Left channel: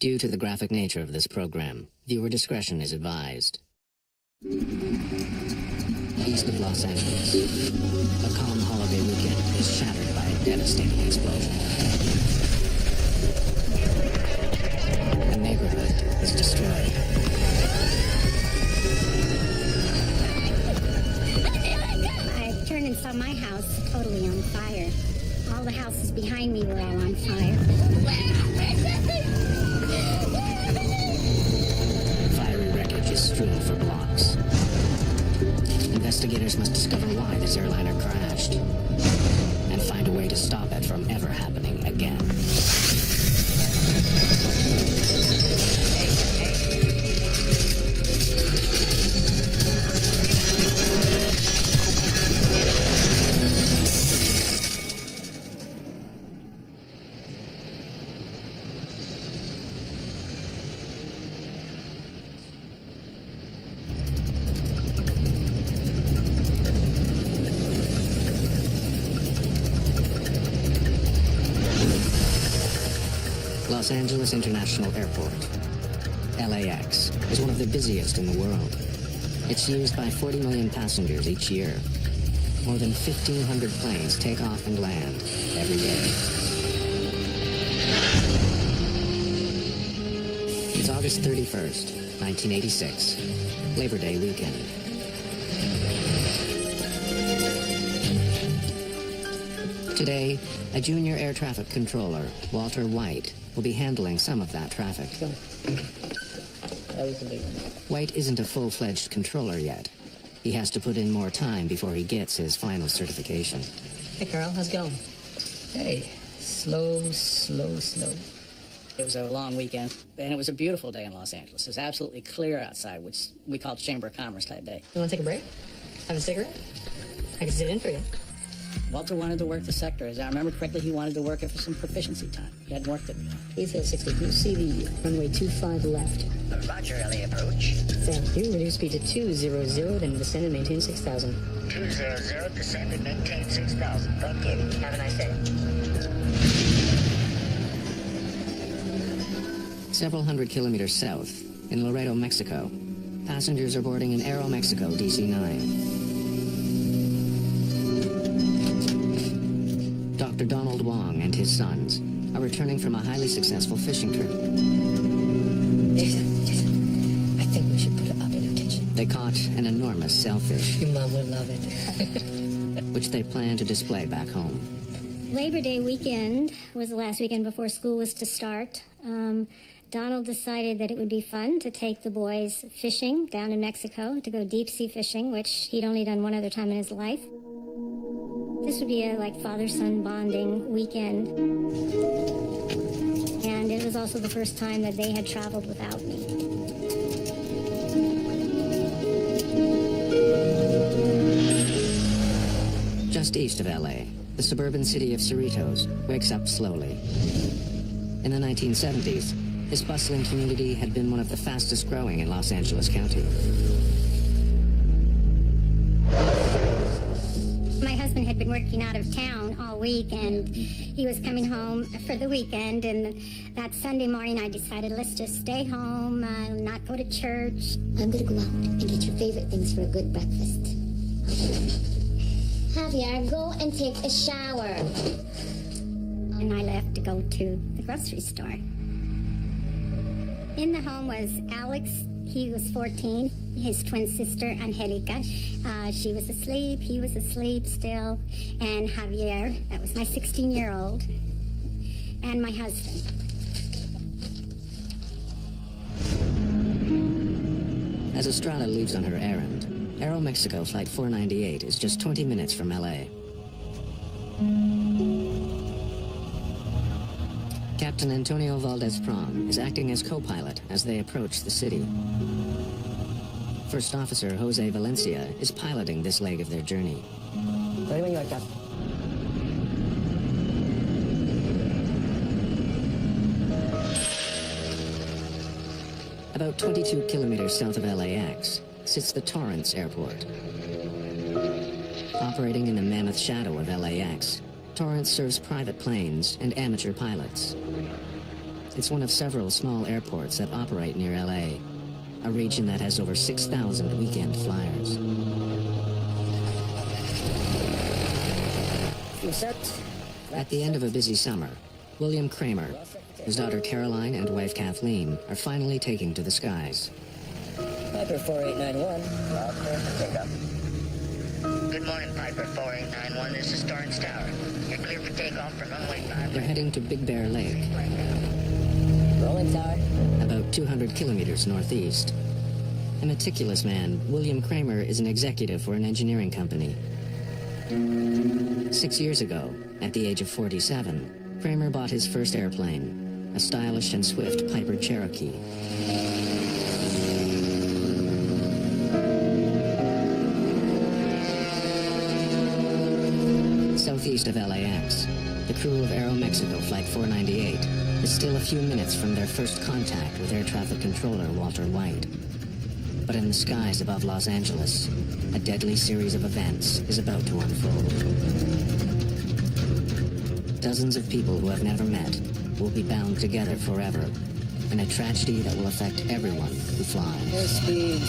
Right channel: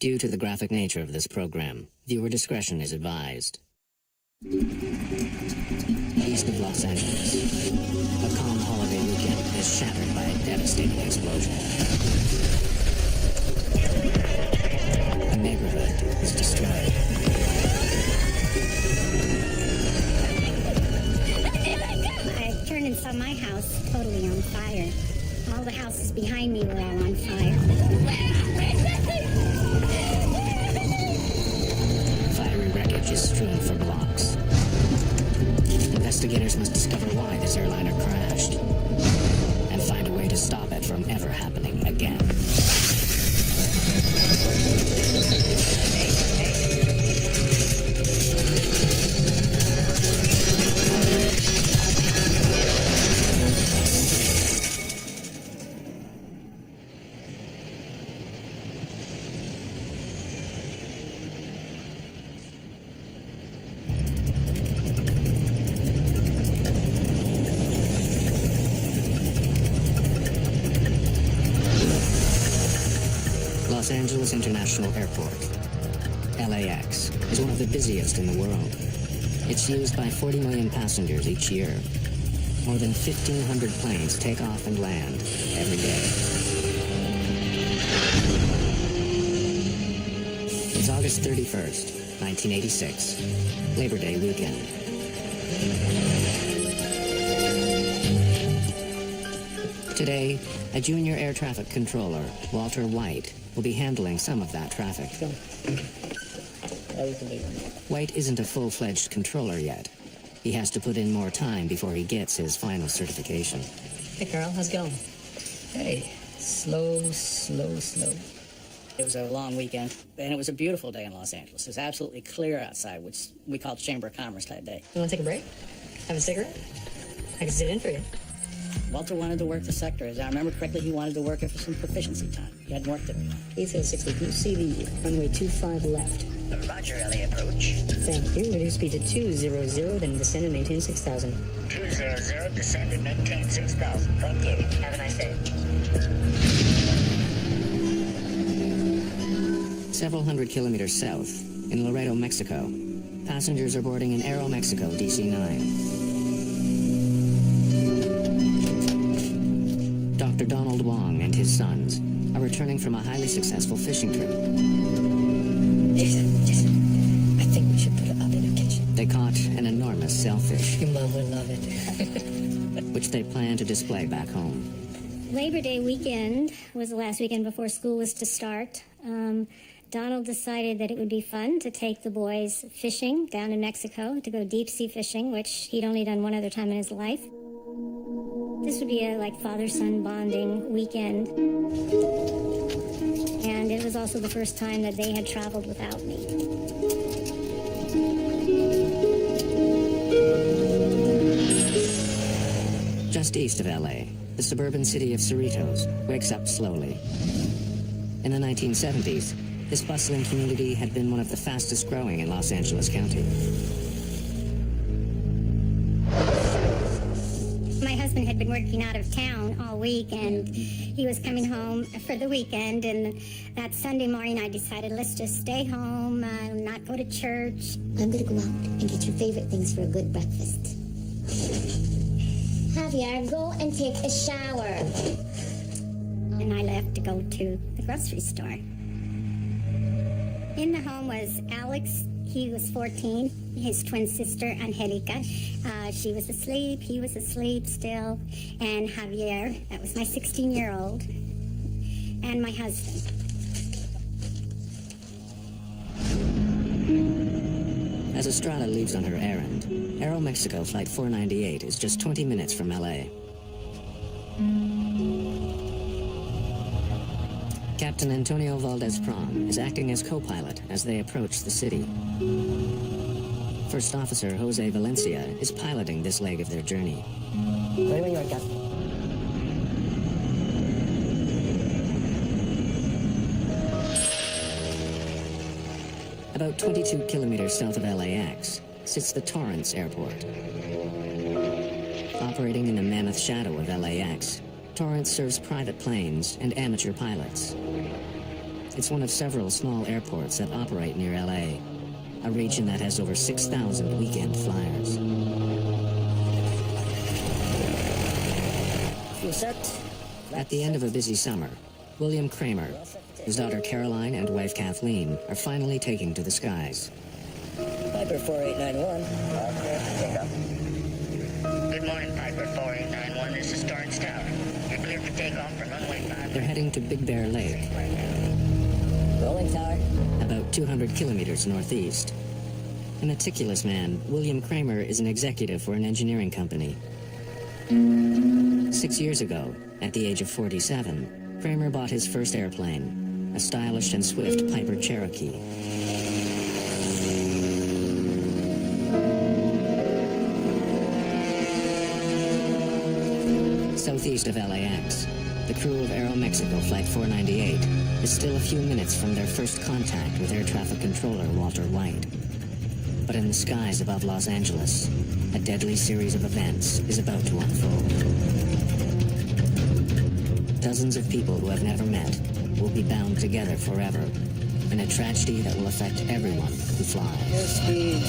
Due to the graphic nature of this program, viewer discretion is advised. East of Los Angeles, a calm holiday weekend is shattered by a devastating explosion. A neighborhood is destroyed. I turned and saw my house totally on fire. All the houses behind me were all on fire. Fiery wreckage is strewn for blocks. Investigators must discover why this airliner crashed and find a way to stop it from ever happening again. Los Angeles International Airport, LAX, is one of the busiest in the world. It's used by 40 million passengers each year. More than 1,500 planes take off and land every day. It's August 31st, 1986, Labor Day weekend. Today, a junior air traffic controller, Walter White, will be handling some of that traffic. White isn't a full-fledged controller yet. He has to put in more time before he gets his final certification. Hey, Carl, how's it going? Hey, slow. It was a long weekend, and it was a beautiful day in Los Angeles. It was absolutely clear outside, which we call Chamber of Commerce type day. You want to take a break? Have a cigarette? I can sit in for you. Walter wanted to work the sector. As I remember correctly, he wanted to work it for some proficiency time. He hadn't worked it in a while. ACL 60, can you see the runway 25 left? Roger, LA approach. Thank you. Reduce speed to 200, then descend and maintain 6,000. 200, descend and maintain 6,000. Thank you. Have a nice day. Several hundred kilometers south, in Laredo, Mexico, passengers are boarding an Aeromexico DC-9. Dr. Donald Wong and his sons are returning from a highly successful fishing trip. Jason, I think we should put it up in the kitchen. They caught an enormous sailfish, Your mom would love it. which they plan to display back home. Labor Day weekend was the last weekend before school was to start. Donald decided that it would be fun to take the boys fishing down in Mexico, to go deep sea fishing, which he'd only done one other time in his life. This would be a father-son bonding weekend. And it was also the first time that they had traveled without me. Just east of LA, the suburban city of Cerritos wakes up slowly. In the 1970s, this bustling community had been one of the fastest growing in Los Angeles County. My husband had been working out of town all week, and he was coming home for the weekend, and that Sunday morning I decided, let's just stay home, not go to church. I'm gonna go out and get your favorite things for a good breakfast. Javier, go and take a shower. And I left to go to the grocery store. In the home was Alex. He was 14, his twin sister, Angelica. She was asleep, he was asleep still. And Javier, that was my 16-year-old, and my husband. As Estrada leaves on her errand, Aeromexico Flight 498 is just 20 minutes from LA. Captain Antonio Valdez-Prom is acting as co-pilot as they approach the city. First Officer Jose Valencia is piloting this leg of their journey. Ready when you are, Captain. About 22 kilometers south of LAX sits the Torrance Airport. Operating in the mammoth shadow of LAX, Torrance serves private planes and amateur pilots. It's one of several small airports that operate near LA, a region that has over 6,000 weekend flyers. Fuel set. At the end of a busy summer, William Kramer, his daughter Caroline and wife Kathleen are finally taking to the skies. Piper 4891. Clear for takeoff. Good morning, Piper 4891. This is Torrance Tower. You're clear for takeoff from runway 5. They're heading to Big Bear Lake, Rolling tower. about 200 kilometers northeast. A meticulous man, William Kramer is an executive for an engineering company. 6 years ago, at the age of 47, Kramer bought his first airplane, a stylish and swift Piper Cherokee. Southeast of LAX, the crew of Aeromexico Flight 498 is still a few minutes from their first contact with air traffic controller Walter White. But in the skies above Los Angeles, a deadly series of events is about to unfold. Dozens of people who have never met will be bound together forever in a tragedy that will affect everyone who flies. Airspeed.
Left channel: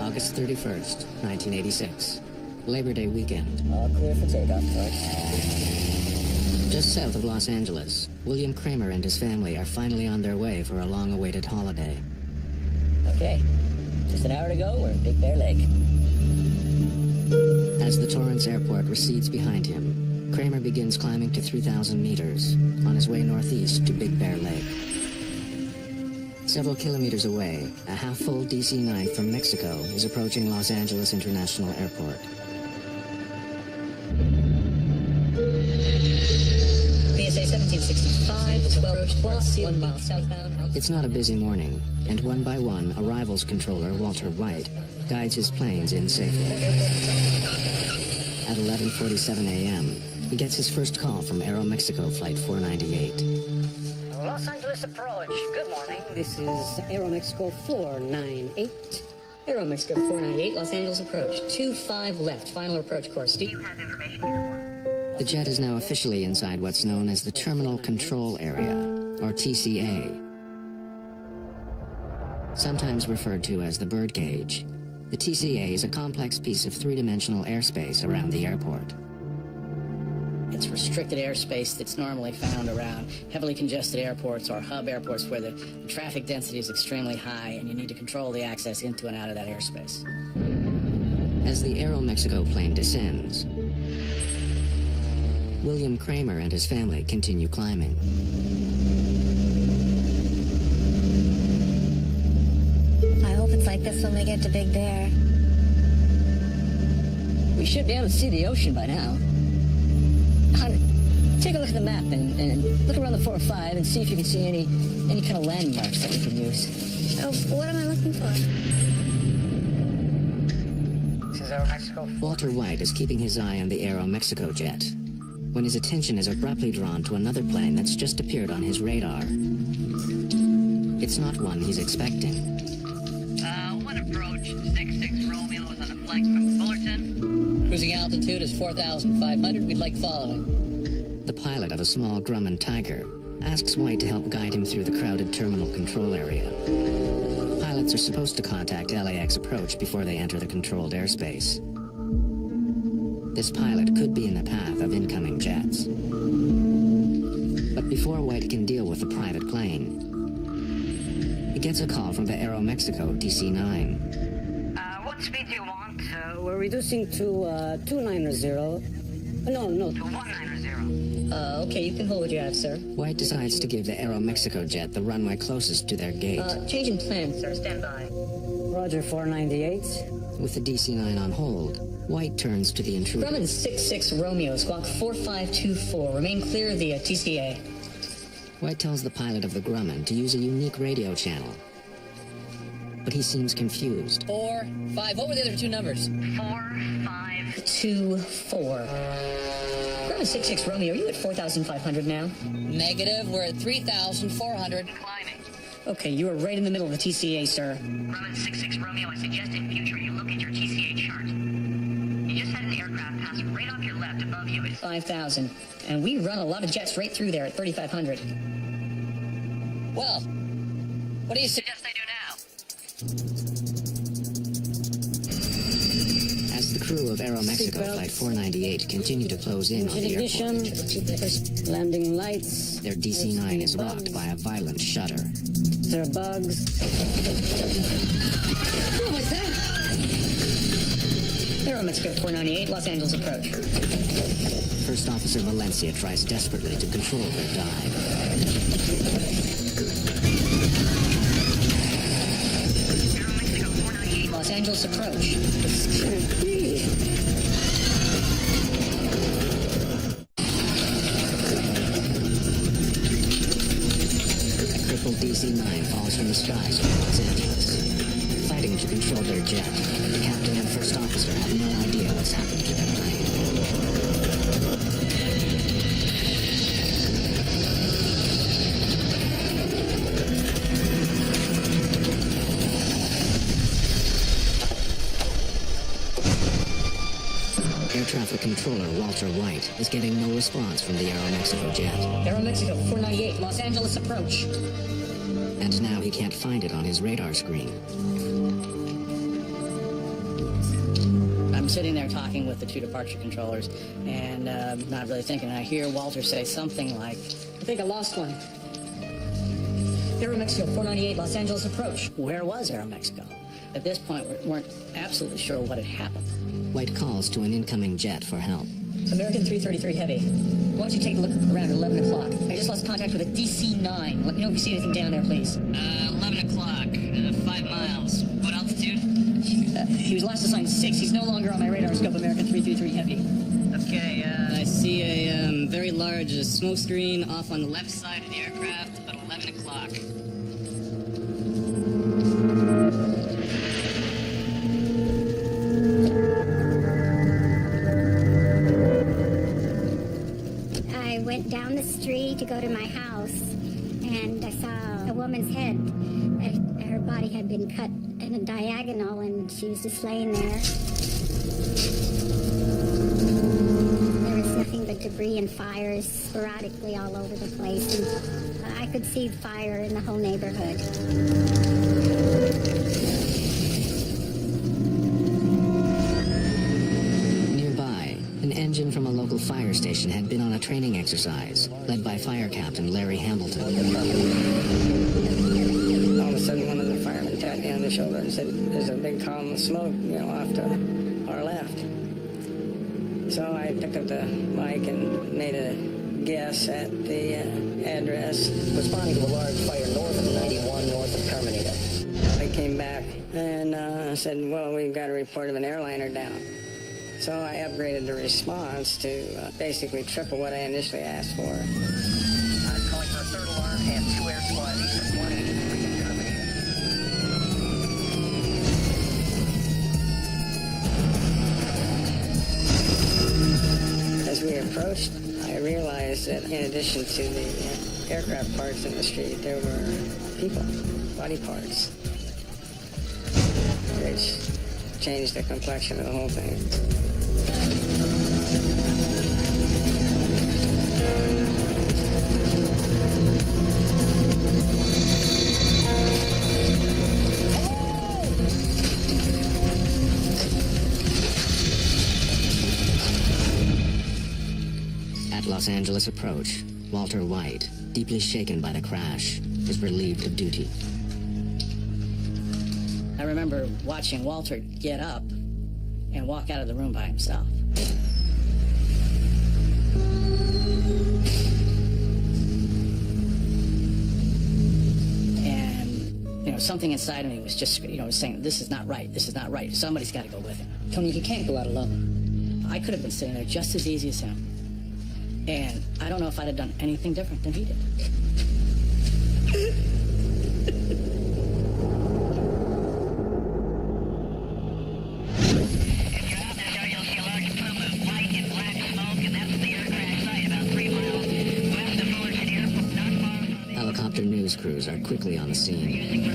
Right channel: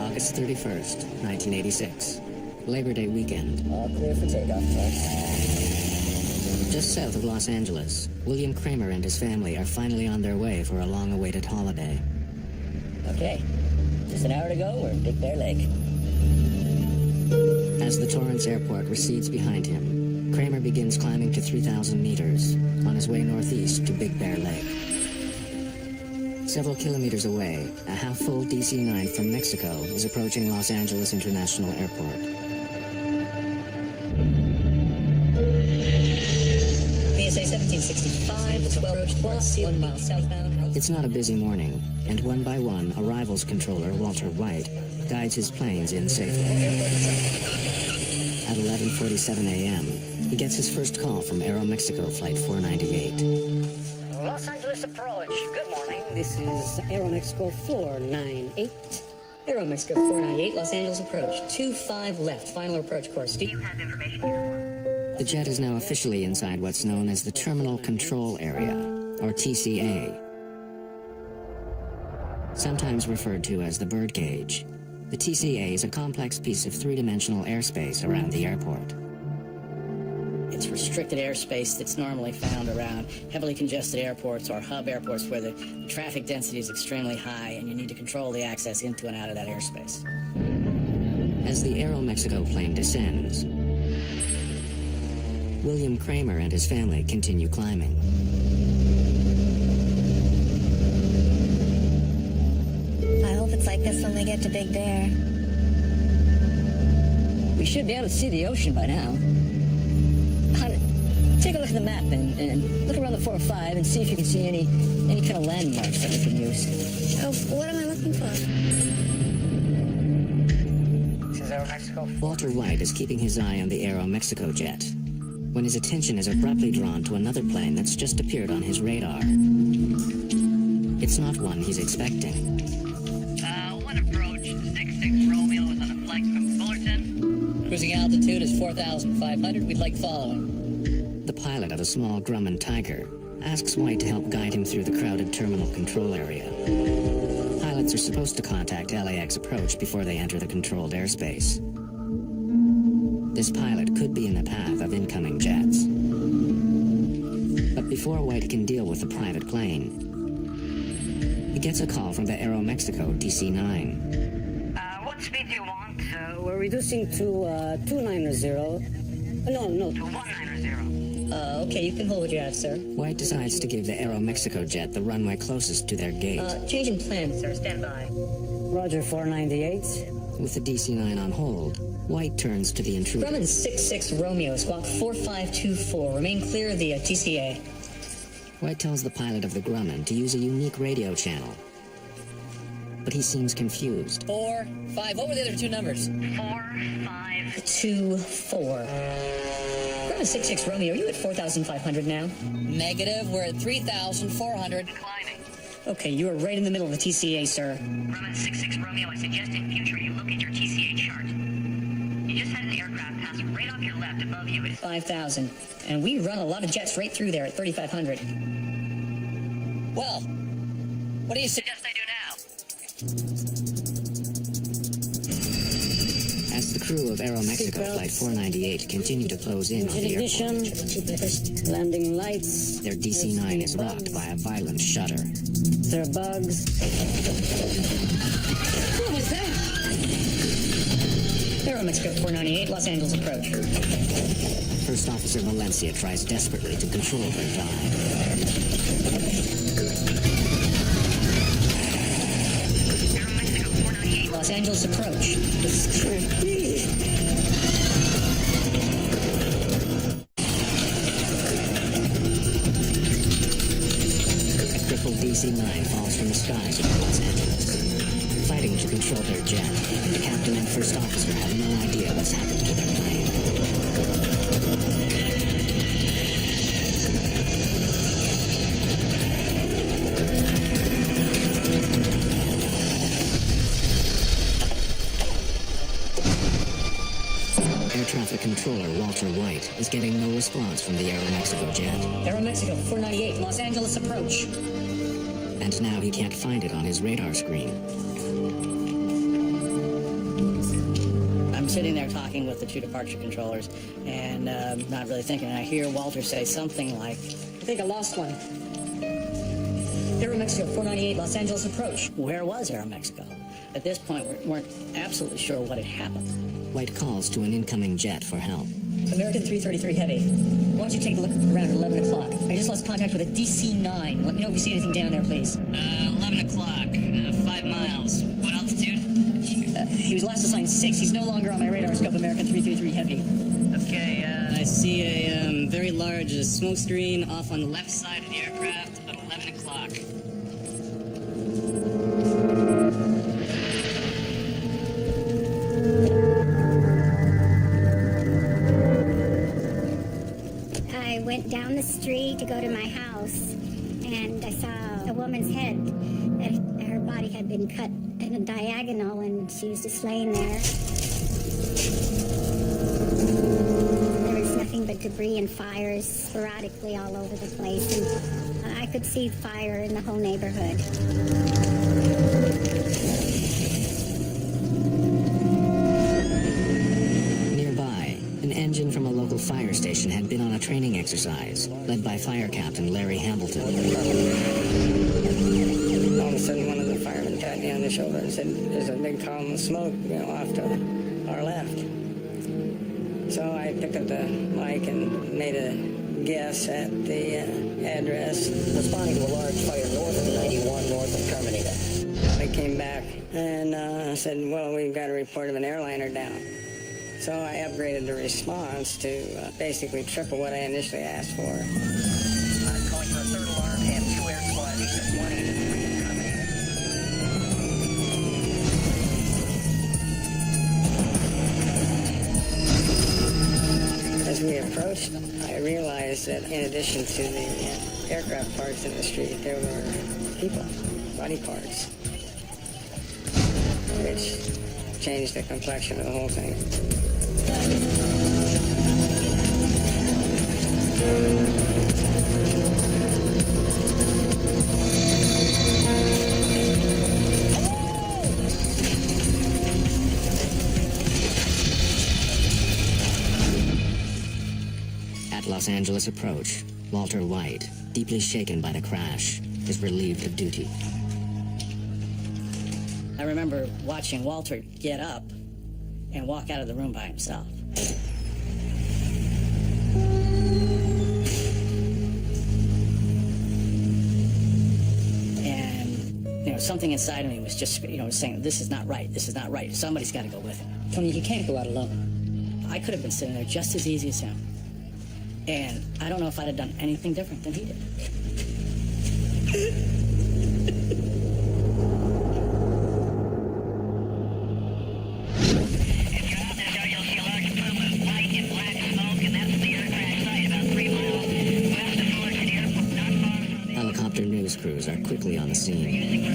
August 31st, 1986. Labor Day weekend. All clear for takeoff, Torch. Just south of Los Angeles, William Kramer and his family are finally on their way for a long-awaited holiday. Okay. Just an hour to go, we're in Big Bear Lake. As the Torrance Airport recedes behind him, Kramer begins climbing to 3,000 meters on his way northeast to Big Bear Lake. Several kilometers away, a half-full DC-9 from Mexico is approaching Los Angeles International Airport. PSA 1765, 12 plus, 1 mile southbound. It's not a busy morning, and one by one, arrivals controller Walter White guides his planes in safely. At 11:47 a.m., he gets his first call from Aeromexico Flight 498. Los Angeles approach. Good morning. This is Aeromexico 498. Aeromexico 498, Los Angeles approach. 25 left, final approach course. Do you have information uniform? The jet is now officially inside what's known as the Terminal Control Area, or TCA. Sometimes referred to as the birdcage, the TCA is a complex piece of three-dimensional airspace around the airport. It's restricted airspace that's normally found around heavily congested airports or hub airports where the traffic density is extremely high and you need to control the access into and out of that airspace. As the Aeromexico plane descends, William Kramer and his family continue climbing. I hope it's like this when we get to Big Bear. We should be able to see the ocean by now. Honey, take a look at the map and look around the 405 and see if you can see any kind of landmarks that we can use. Oh, what am I looking for? This is Aeromexico. Walter White is keeping his eye on the Aeromexico jet when his attention is abruptly drawn to another plane that's just appeared on his radar. It's not one he's expecting. One approach, 66 Romeo is on a flight from Fullerton. Cruising altitude is 4,500. We'd like following. The pilot of a small Grumman Tiger asks White to help guide him through the crowded terminal control area. Pilots are supposed to contact LAX approach before they enter the controlled airspace. This pilot could be in the path of incoming jets. But before White can deal with the private plane, he gets a call from the Aeromexico DC-9. What speed do you want? We're reducing to 290. No. To 190. Okay, you can hold what you have, sir. White decides to give the Aeromexico jet the runway closest to their gate. Change in plan. Sir, stand by. Roger, 498. With the DC-9 on hold, White turns to the intruder. Grumman 66 Romeo, squawk 4524. Remain clear of the TCA. White tells the pilot of the Grumman to use a unique radio channel. But he seems confused. 4, 5. What were the other two numbers? 4, 5. 2-4. Grumman 66 Romeo, are you at 4,500 now? Negative. We're at 3,400. Climbing. Okay, you are right in the middle of the TCA, sir. Grumman 66 Romeo, I suggest in future you look at your TCA chart. You just had an aircraft pass right off your left above you. 5,000. And we run a lot of jets right through there at 3,500. Well, what do you suggest I do now? As the crew of Aeromexico Flight 498 continue to close in on the Ignition, airport, landing lights. their DC-9 is rocked by a violent shudder. There are bugs. What was that? Aeromexico 498, Los Angeles approach. First Officer Valencia tries desperately to control their dive. Aeromexico 498. Los Angeles approach. Just can't breathe. A crippled DC-9 falls from the skies over Los Angeles. Fighting to control their jet, the captain and first officer have no idea what's happened to their plane. Air traffic controller Walter White is getting no response from the Aeromexico jet, Aeromexico 498, Los Angeles approach. and now he can't find it on his radar screen. I'm sitting there talking with the two departure controllers and not really thinking. I hear Walter say something like, I think I lost one. Aeromexico 498, Los Angeles approach. Where was Aeromexico? At this point, we weren't absolutely sure what had happened. White calls to an incoming jet for help. American 333 Heavy. Why don't you take a look around at 11 o'clock? I just lost contact with a DC-9. Let me know if you see anything down there, please. 11 o'clock, 5 miles. What altitude? He was last assigned 6. He's no longer on my radar scope, American 333 Heavy. Okay, I see a very large smoke screen off on the left side of the aircraft, about 11 o'clock. I went down the street to go to my house, and I saw a woman's head. Her body had been cut in a diagonal, and she was just laying there. There was nothing but debris and fires sporadically all over the place, and I could see fire in the whole neighborhood. Nearby, an engine from a local fire station had been on a training exercise, led by Fire Captain Larry Hamilton. All of a sudden, one of the firemen tapped me on the shoulder and said, "There's a big column of smoke, off to our left." So I picked up the mic and made a guess at the address. Responding to a large fire north of 91, north of Carmenita. I came back and said, "Well, we've got a report of an airliner down." So I upgraded the response to basically triple what I initially asked for. I'm calling for a third alarm and 2 air squads east of 183 in Carmenita. As we approached, I realized that in addition to the aircraft parts in the street, there were people, body parts, which changed the complexion of the whole thing. At Los Angeles approach, Walter White, deeply shaken by the crash, is relieved of duty. I remember watching Walter get up and walk out of the room by himself. And, something inside of me was just, saying, this is not right, this is not right. Somebody's got to go with him. Tony, he can't go out alone. I could have been sitting there just as easy as him. And I don't know if I'd have done anything different than he did. Helicopter news crews are quickly on the scene.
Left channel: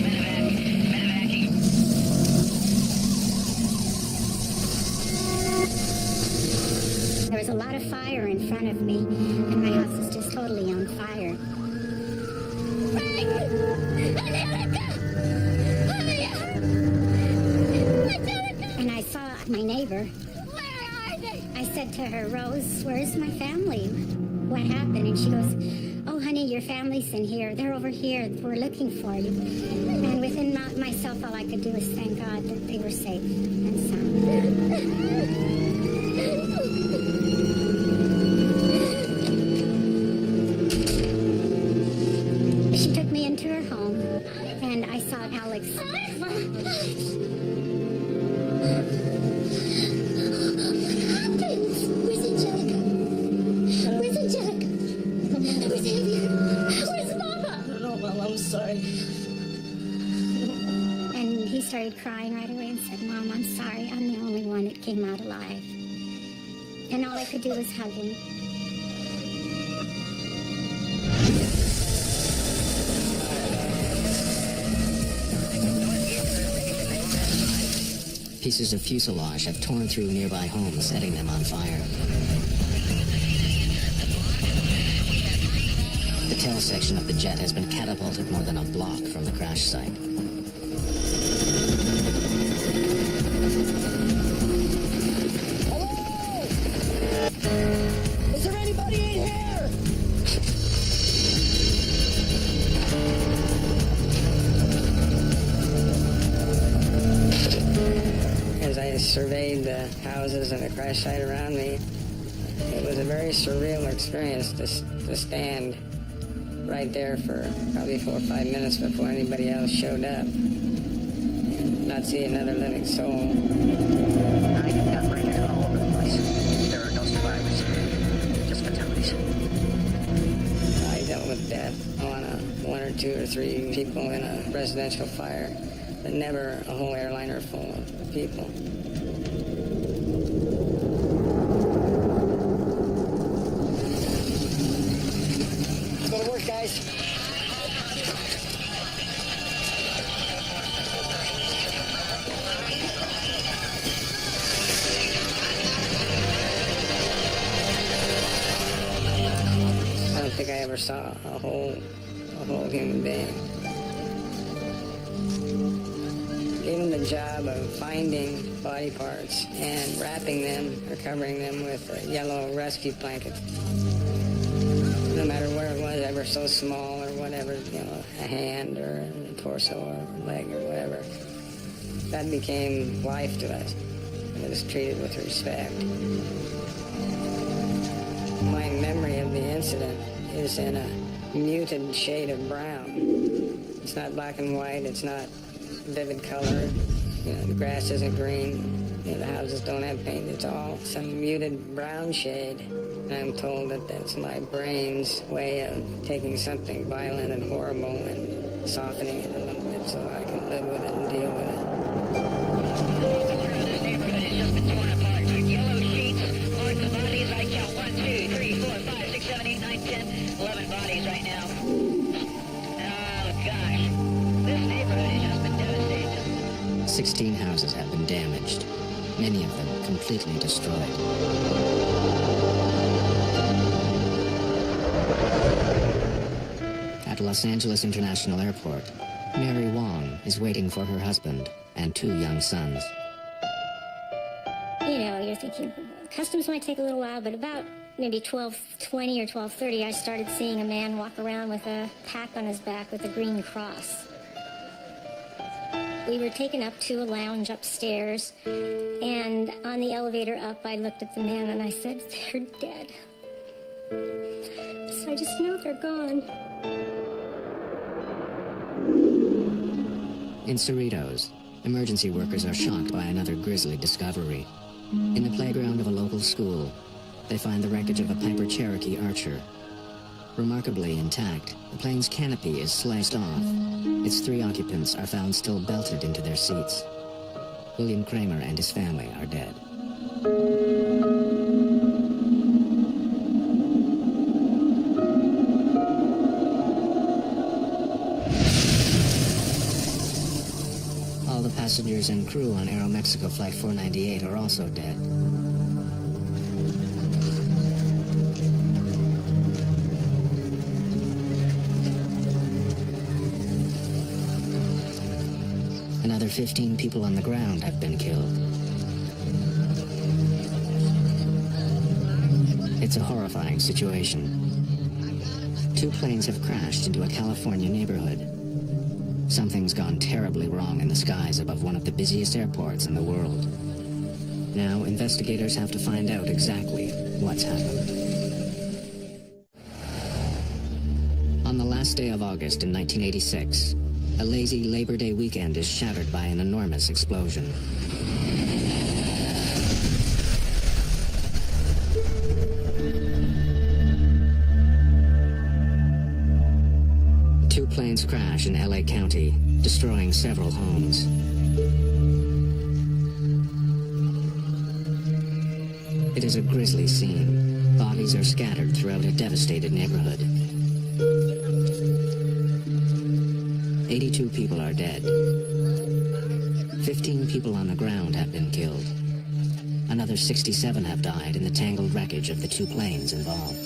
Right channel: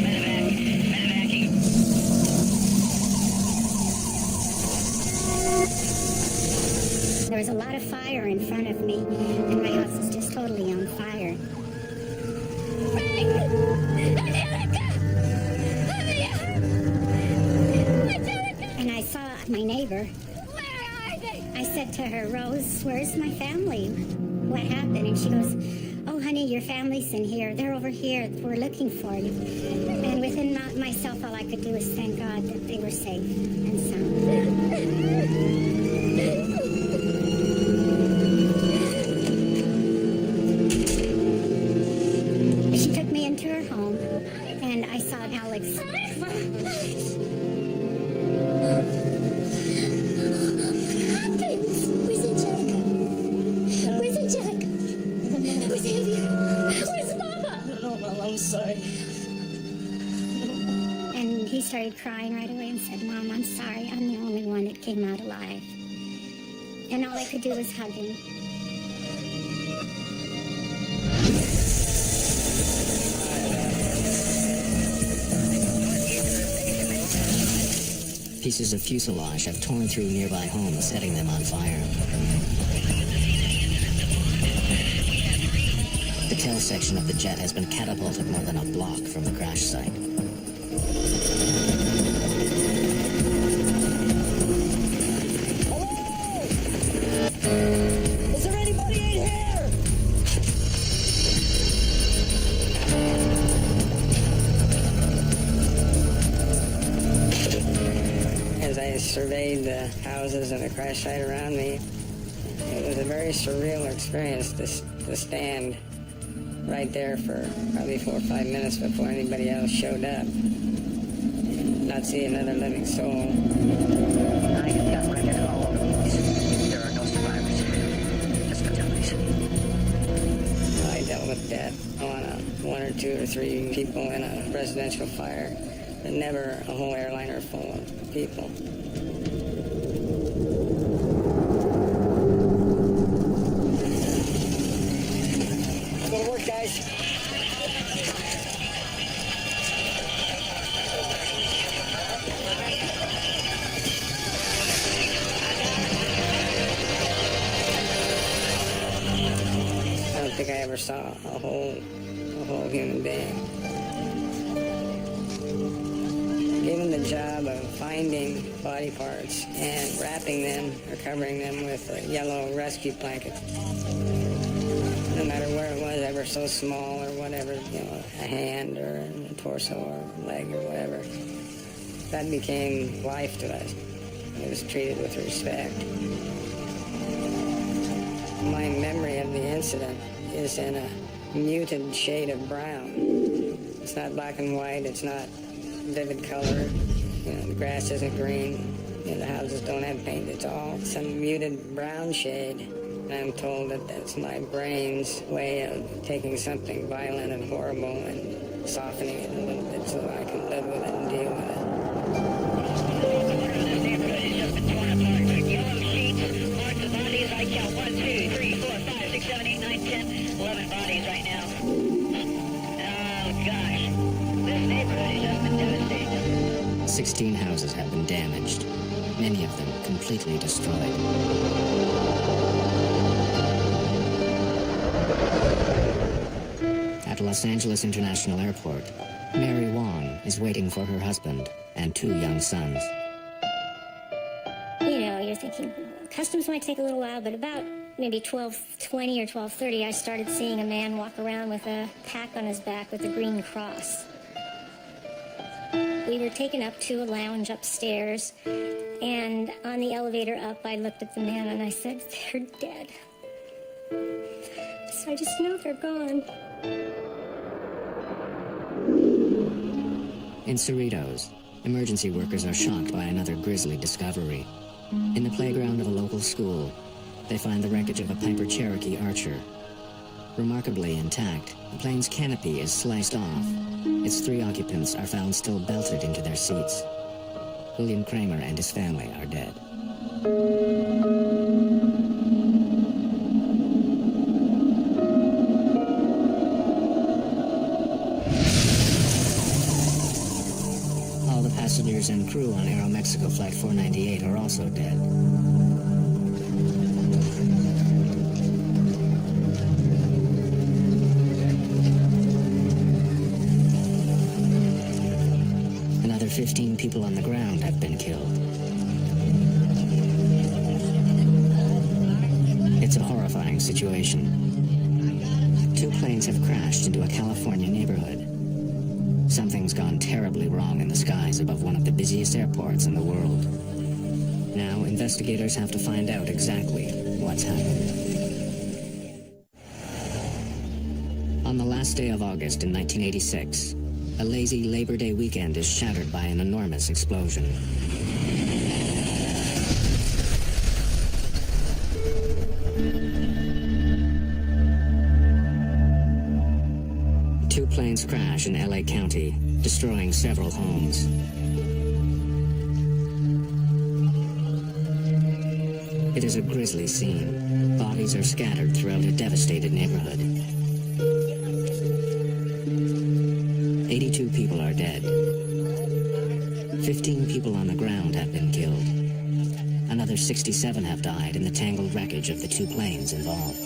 There was a lot of fire in front of me, and my house was just totally on fire. Frank! Angelica! Angelica! And I saw my neighbor. Where are they? I said to her, Rose, where's my family? What happened? And she goes, oh, honey, your family's in here. They're over here. We're looking for you. And within myself, all I could do was thank God that they were safe and sound. She took me into her home, and I saw Alex. What happened? Where's Angelica? Where's Angelica? Where's Xavier? Where's Mama? I don't know, Mom. I'm sorry. And he started crying right away and said, Mom, I'm sorry. I'm the only one that came out alive. And all I could do was hug him. Pieces of fuselage have torn through nearby homes, setting them on fire. The tail section of the jet has been catapulted more than a block from the crash site. Hello? Is there anybody in here? As I surveyed the houses and the crash site around me, it was a very surreal experience to stand right there for probably 4 or 5 minutes before anybody else showed up and not see another living soul. I have got wreckage all over the place. There are no survivors, just fatalities. You know, I dealt with death on 1 or 2 or 3 people in a residential fire, but never a whole airliner full of people. Let's go to work, guys. I don't think I ever saw a whole human being. Given the job of finding body parts and wrapping them or covering them with yellow rescue blankets. No matter where it was, ever so small or whatever, you know, a hand or a torso or a leg or whatever, that became life to us. It was treated with respect. My memory of the incident is in a muted shade of brown. It's not black and white, it's not vivid color. You know, the grass isn't green. You know, the houses don't have paint. It's all some muted brown shade. And I'm told that that's my brain's way of taking something violent and horrible and softening it a little bit so I can live with it and deal with it. The corner of this neighborhood has just been torn apart. Took yellow sheets, marked the bodies. I count 1, 2, 3, 4, 5, 6, 7, 8, 9, 10, 11 bodies right now. Oh, gosh. This neighborhood has just been devastated. 16 houses have been damaged, many of them completely destroyed. At Los Angeles International Airport, Mary Wong is waiting for her husband and 2 young sons. You know, you're thinking, customs might take a little while, but about maybe 12:20 or 12:30, I started seeing a man walk around with a pack on his back with a green cross. We were taken up to a lounge upstairs, and on the elevator up, I looked at the man and I said, they're dead. So I just know they're gone. In Cerritos, emergency workers are shocked by another grisly discovery. In the playground of a local school, they find the wreckage of a Piper Cherokee Archer. Remarkably intact, the plane's canopy is sliced off. Its 3 occupants are found still belted into their seats. William Kramer and his family are dead. All the passengers and crew on Aeromexico Flight 498 are also dead. Another 15 people on the ground have been killed. It's a horrifying situation. 2 planes have crashed into a California neighborhood. Something's gone terribly wrong in the skies above one of the busiest airports in the world. Now, investigators have to find out exactly what's happened. On the last day of August in 1986, a lazy Labor Day weekend is shattered by an enormous explosion. Two planes crash in LA County, destroying several homes. It is a grisly scene. Bodies are scattered throughout a devastated neighborhood. 82 people are dead. 15 people on the ground have been killed. Another 67 have died in the tangled wreckage of the 2 planes involved.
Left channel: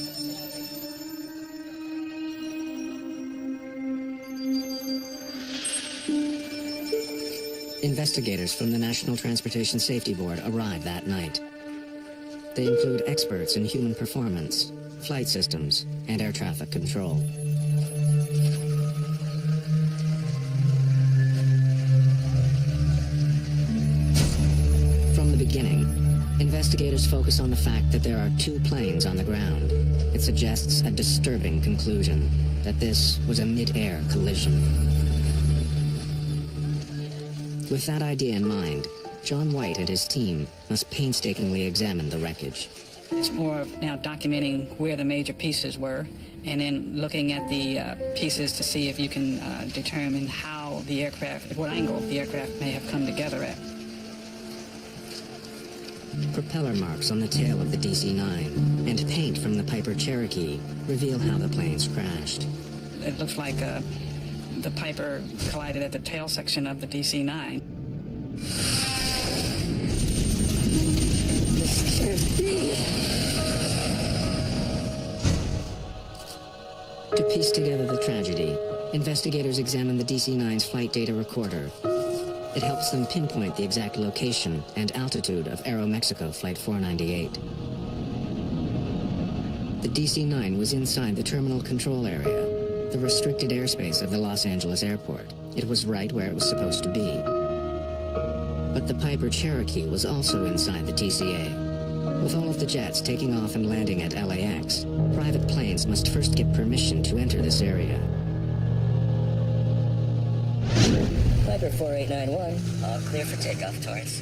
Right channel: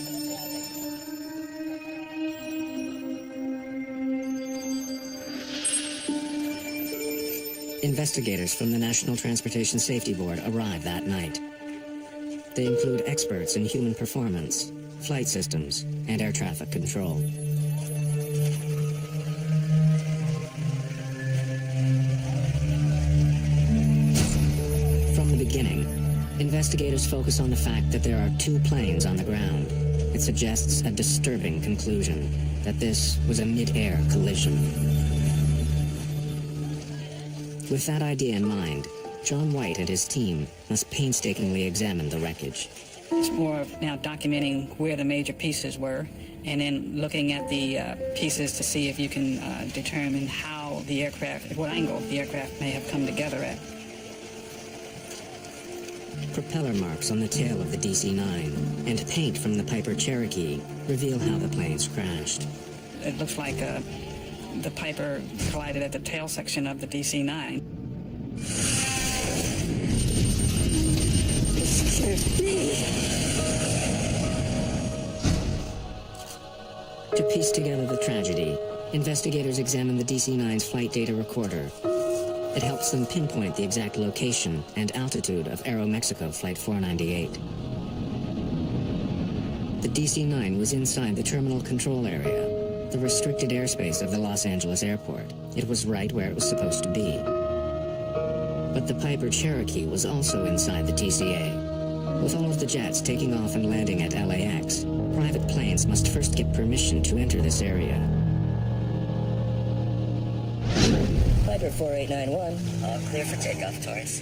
Investigators from the National Transportation Safety Board arrive that night. They include experts in human performance, flight systems, and air traffic control. From the beginning, investigators focus on the fact that there are 2 planes on the ground. It suggests a disturbing conclusion, that this was a mid-air collision. With that idea in mind, John White and his team must painstakingly examine the wreckage. It's more of now documenting where the major pieces were and then looking at the pieces to see if you can determine how the aircraft, at what angle the aircraft may have come together at. Propeller marks on the tail of the DC-9 and paint from the Piper Cherokee reveal how the planes crashed. It looks like the Piper collided at the tail section of the DC-9. This can't be. To piece together the tragedy, investigators examine the DC-9's flight data recorder. It helps them pinpoint the exact location and altitude of Aeromexico Flight 498. The DC-9 was inside the terminal control area, the restricted airspace of the Los Angeles airport. It was right where it was supposed to be. But the Piper Cherokee was also inside the TCA. With all of the jets taking off and landing at LAX, private planes must first get permission to enter this area. Piper 4891, all clear for takeoff, Torrance.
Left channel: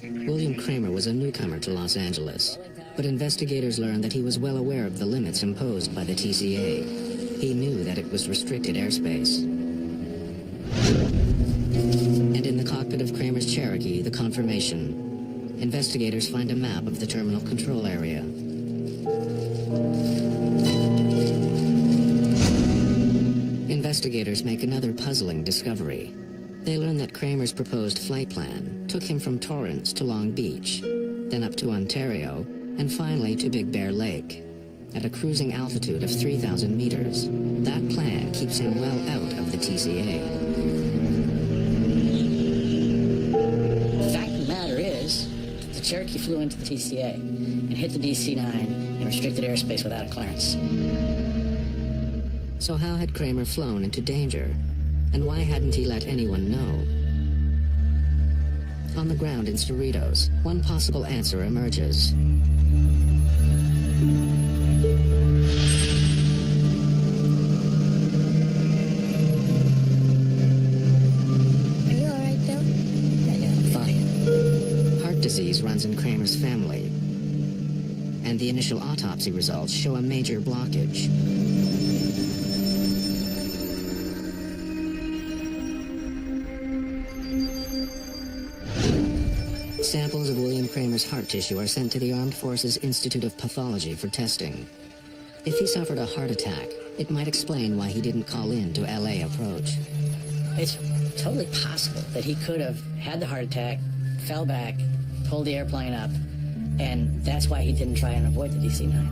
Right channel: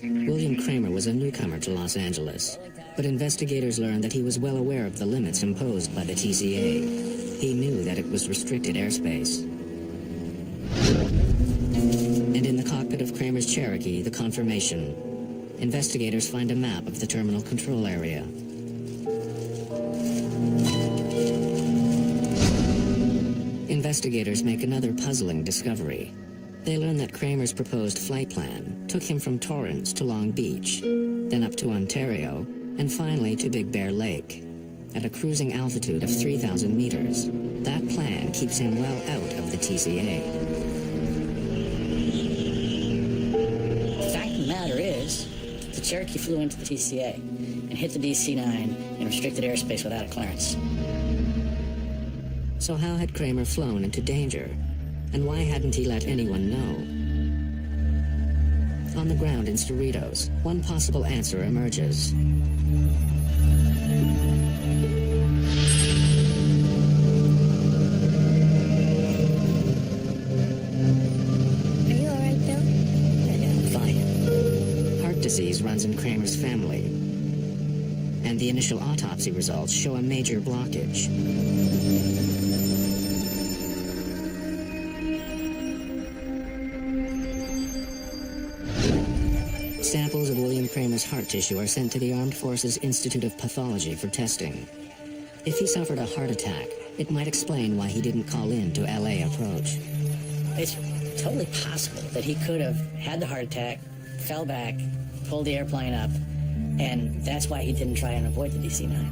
William Kramer was a newcomer to Los Angeles, but investigators learned that he was well aware of the limits imposed by the TCA. He knew that it was restricted airspace. And in the cockpit of Kramer's Cherokee, the Confirmation, investigators find a map of the terminal control area. Investigators make another puzzling discovery. They learn that Kramer's proposed flight plan took him from Torrance to Long Beach, then up to Ontario, and finally to Big Bear Lake, at a cruising altitude of 3,000 meters. That plan keeps him well out of the TCA. The fact of the matter is, the Cherokee flew into the TCA and hit the DC-9 in restricted airspace without a clearance. So how had Kramer flown into danger? And why hadn't he let anyone know? On the ground in Cerritos, one possible answer emerges. Are you all right, Bill? Yeah, I'm fine. Heart disease runs in Kramer's family, and the initial autopsy results show a major blockage. Samples of William Kramer's heart tissue are sent to the Armed Forces Institute of Pathology for testing. If he suffered a heart attack, it might explain why he didn't call in to LA approach. It's totally possible that he could have had the heart attack, fell back, pulled the airplane up, and that's why he didn't try and avoid the DC-9.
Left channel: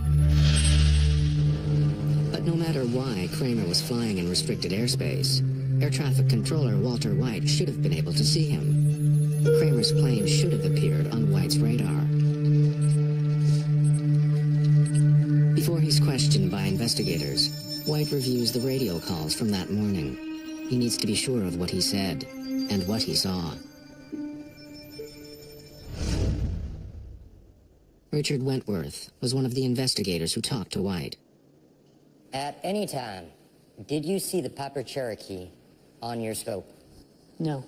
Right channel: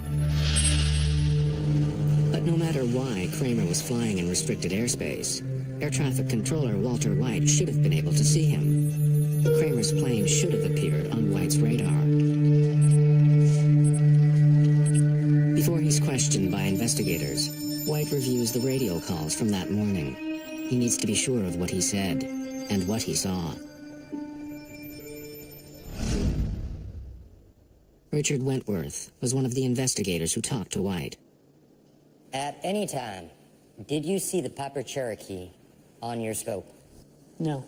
But no matter why Kramer was flying in restricted airspace, Air traffic controller Walter White should have been able to see him. Kramer's plane should have appeared on White's radar. Before he's questioned by investigators, White reviews the radio calls from that morning. He needs to be sure of what he said and what he saw. Richard Wentworth was one of the investigators who talked to White. At any time, did you see the Piper Cherokee on your scope? No.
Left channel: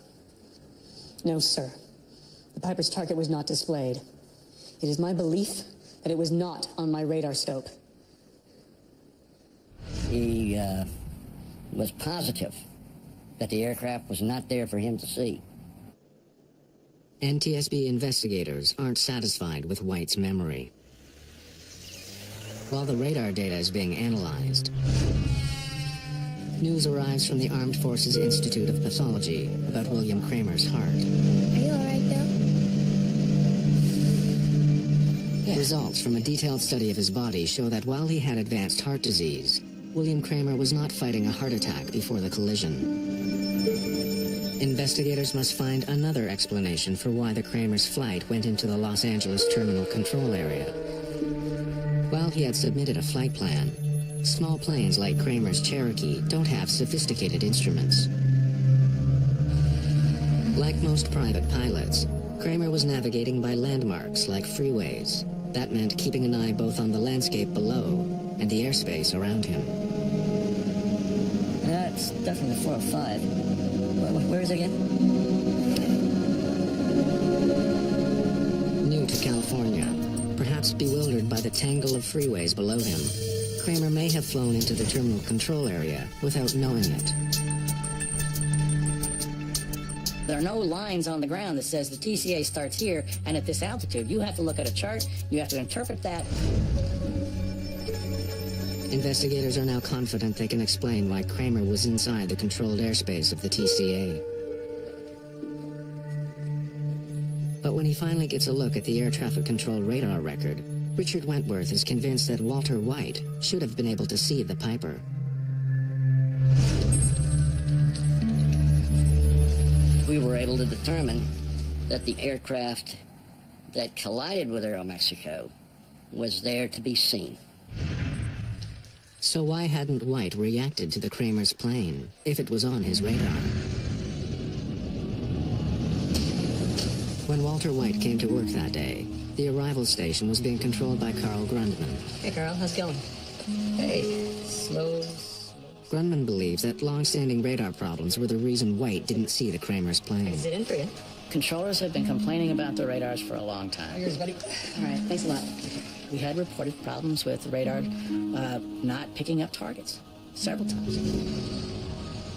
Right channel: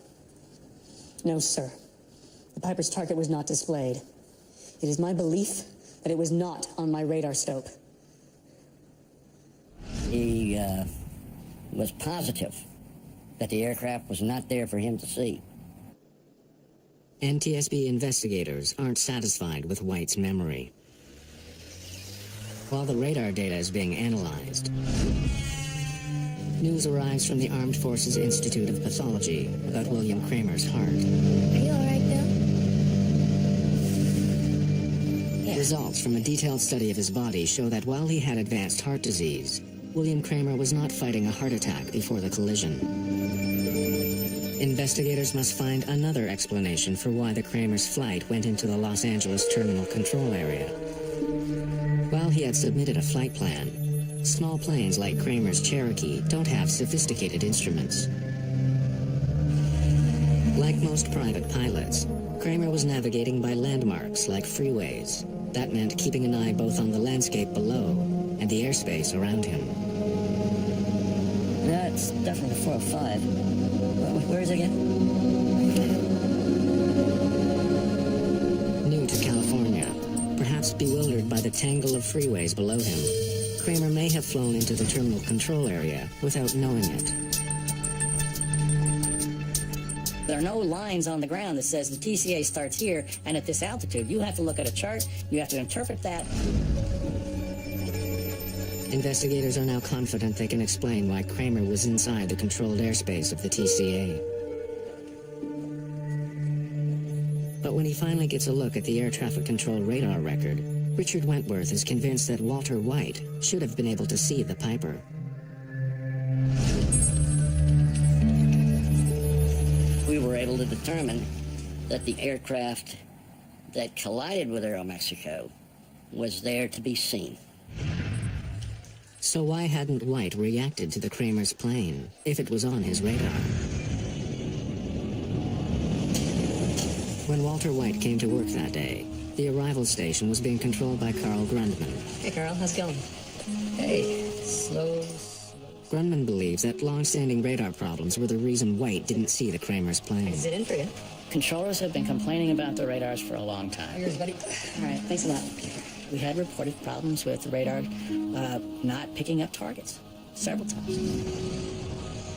No, sir. The Piper's target was not displayed. It is my belief that it was not on my radar scope. He was positive that the aircraft was not there for him to see. NTSB investigators aren't satisfied with White's memory. While the radar data is being analyzed, news arrives from the Armed Forces Institute of Pathology about William Kramer's heart. Are you all right, Bill? Results from a detailed study of his body show that while he had advanced heart disease, William Kramer was not fighting a heart attack before the collision. Investigators must find another explanation for why the Kramer's flight went into the Los Angeles terminal control area. While he had submitted a flight plan, small planes like Kramer's Cherokee don't have sophisticated instruments. Like most private pilots, Kramer was navigating by landmarks like freeways. That meant keeping an eye both on the landscape below and the airspace around him. That's definitely the 405. Where is it again? New to California, perhaps bewildered by the tangle of freeways below him, Kramer may have flown into the terminal control area without knowing it. There are no lines on the ground that says the TCA starts here and at this altitude. You have to look at a chart, you have to interpret that. Investigators are now confident they can explain why Kramer was inside the controlled airspace of the TCA. But when he finally gets a look at the air traffic control radar record, Richard Wentworth is convinced that Walter White should have been able to see the Piper. We were able to determine that the aircraft that collided with Aeromexico was there to be seen. So why hadn't White reacted to the Kramer's plane if it was on his radar? When Walter White came to work that day, the arrival station was being controlled by Carl Grundman. Hey, Carl, how's it going? Hey, slow. Grundman believes that long-standing radar problems were the reason White didn't see the Kramer's plane. Is it in for you? Controllers have been complaining about the radars for a long time. Here's, buddy. All right, thanks a lot. We had reported problems with the radar not picking up targets several times.